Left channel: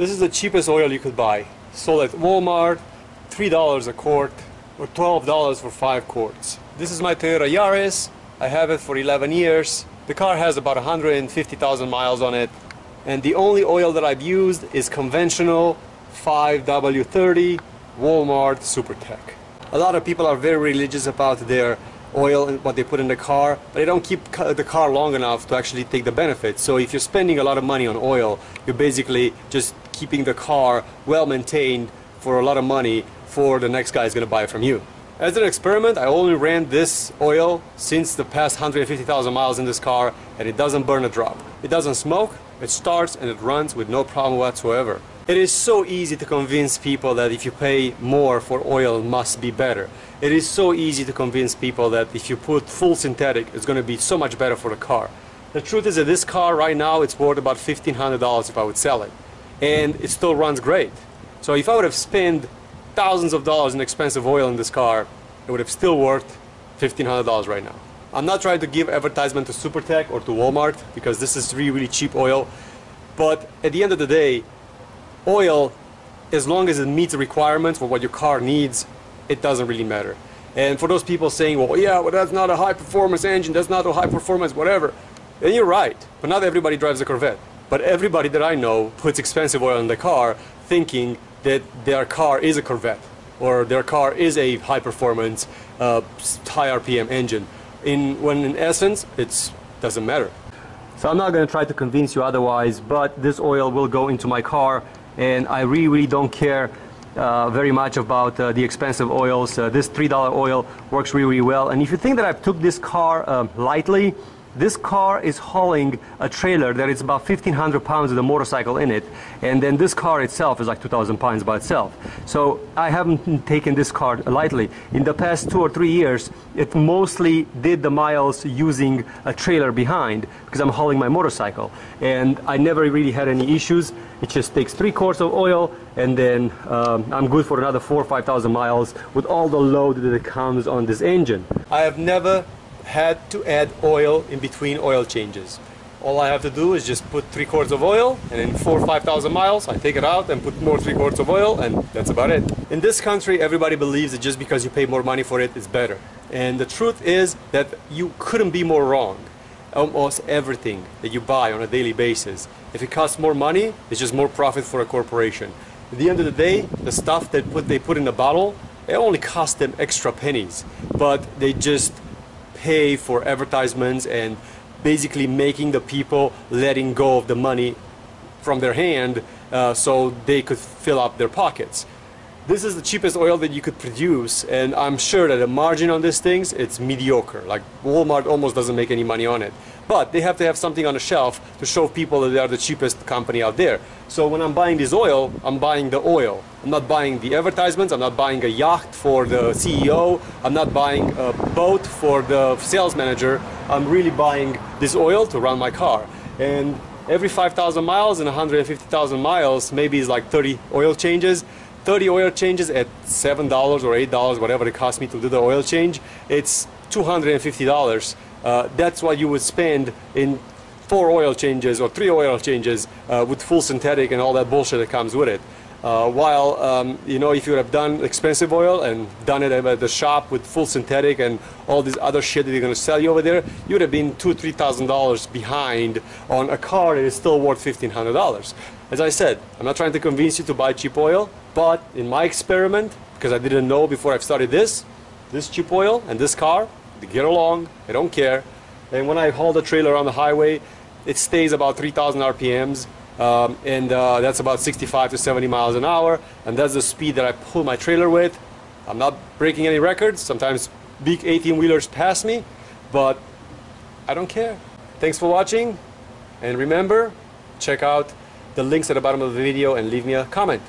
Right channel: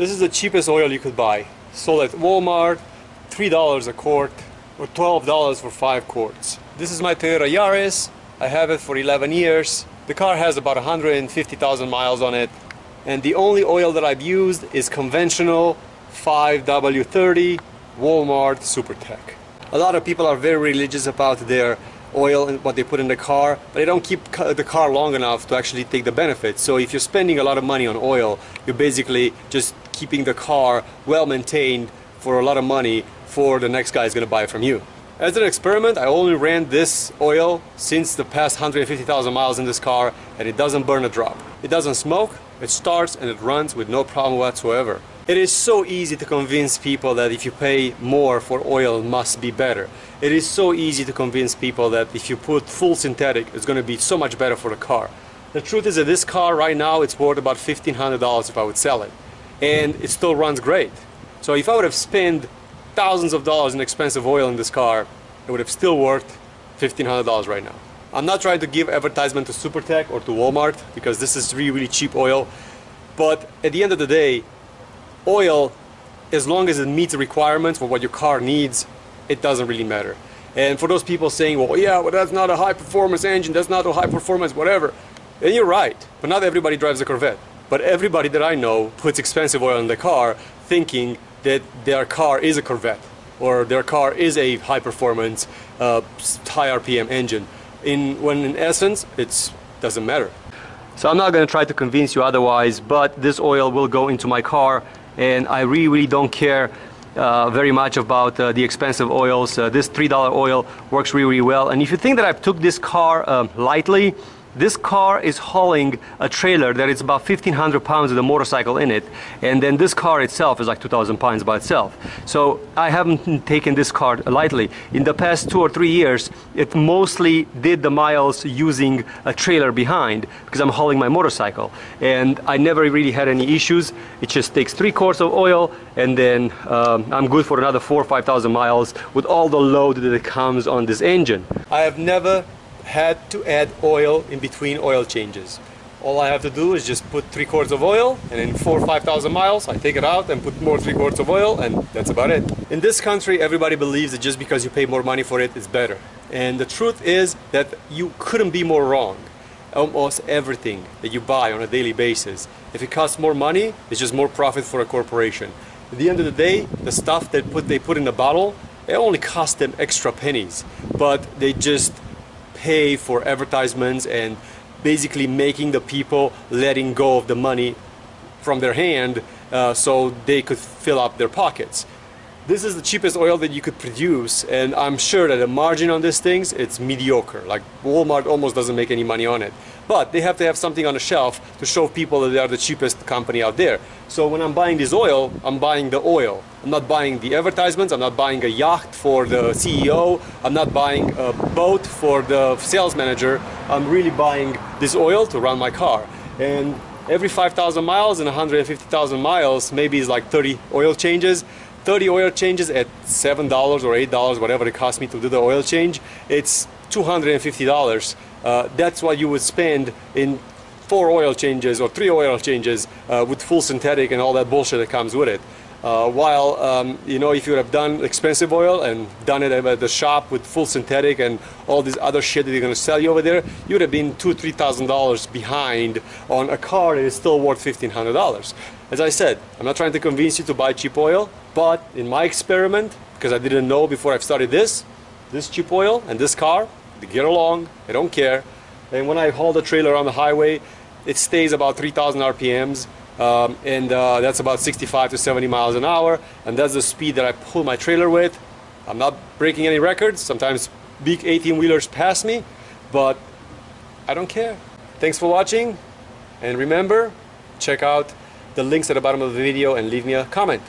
This is the cheapest oil you could buy. Sold at Walmart, $3 a quart, or $12 for 5 quarts. This is my Toyota Yaris. I have it for 11 years. The car has about 150,000 miles on it. And the only oil that I've used is conventional 5W30 Walmart SuperTech. A lot of people are very religious about their oil and what they put in the car, but they don't keep the car long enough to actually take the benefits. So if you're spending a lot of money on oil, you're basically just keeping the car well maintained for a lot of money for the next guy is going to buy it from you. As an experiment, I only ran this oil since the past 150,000 miles in this car, and it doesn't burn a drop. It doesn't smoke, it starts and it runs with no problem whatsoever. It is so easy to convince people that if you pay more for oil, it must be better. It is so easy to convince people that if you put full synthetic, it's going to be so much better for the car. The truth is that this car right now, it's worth about $1,500 if I would sell it. And it still runs great. So if I would have spent thousands of dollars in expensive oil in this car, it would have still worth $1,500 right now. I'm not trying to give advertisement to SuperTech or to Walmart because this is really cheap oil. But at the end of the day, oil, as long as it meets the requirements for what your car needs, it doesn't really matter. And for those people saying, well, yeah, well, that's not a high performance engine, that's not a high performance whatever, and you're right, but not everybody drives a Corvette. But everybody that I know puts expensive oil in the car thinking that their car is a Corvette or their car is a high performance, high RPM engine, when in essence, it doesn't matter. So I'm not going to try to convince you otherwise, but this oil will go into my car, and I really don't care very much about the expensive oils. This $3 oil works really well. And if you think that I took this car lightly, this car is hauling a trailer that is about 1,500 pounds with a motorcycle in it, and then this car itself is like 2,000 pounds by itself. So I haven't taken this car lightly. In the past 2 or 3 years, it mostly did the miles using a trailer behind because I'm hauling my motorcycle, and I never really had any issues. It just takes 3 quarts of oil, and then I'm good for another 4,000 or 5,000 miles with all the load that comes on this engine. I have never had to add oil in between oil changes. All I have to do is just put 3 quarts of oil, and in 4,000 or 5,000 miles I take it out and put more 3 quarts of oil, and that's about it. In this country, everybody believes that just because you pay more money for it, it's better. And the truth is that you couldn't be more wrong. Almost everything that you buy on a daily basis, if it costs more money, it's just more profit for a corporation. At the end of the day, the stuff that they put in the bottle, it only costs them extra pennies, but they just pay for advertisements and basically making the people letting go of the money from their hand so they could fill up their pockets. This is the cheapest oil that you could produce, and I'm sure that the margin on these things, it's mediocre. Like Walmart almost doesn't make any money on it. But they have to have something on the shelf to show people that they are the cheapest company out there. So when I'm buying this oil, I'm buying the oil. I'm not buying the advertisements, I'm not buying a yacht for the CEO, I'm not buying a boat for the sales manager. I'm really buying this oil to run my car. And every 5,000 miles and 150,000 miles, maybe it's like 30 oil changes. 30 oil changes at $7 or $8, whatever it costs me to do the oil change, it's $250. That's what you would spend in 4 oil changes or 3 oil changes with full synthetic and all that bullshit that comes with it. You know, if you would have done expensive oil and done it at the shop with full synthetic and all this other shit that they're going to sell you over there, you would have been $2,000 or $3,000 behind on a car that is still worth $1,500. As I said, I'm not trying to convince you to buy cheap oil, but in my experiment, because I didn't know before I started this cheap oil and this car, they get along, I don't care. And when I haul the trailer on the highway, it stays about 3,000 RPMs. That's about 65 to 70 miles an hour, and that's the speed that I pull my trailer with. I'm not breaking any records. Sometimes big 18-wheelers pass me, but I don't care. Thanks for watching, and remember, check out the links at the bottom of the video and leave me a comment.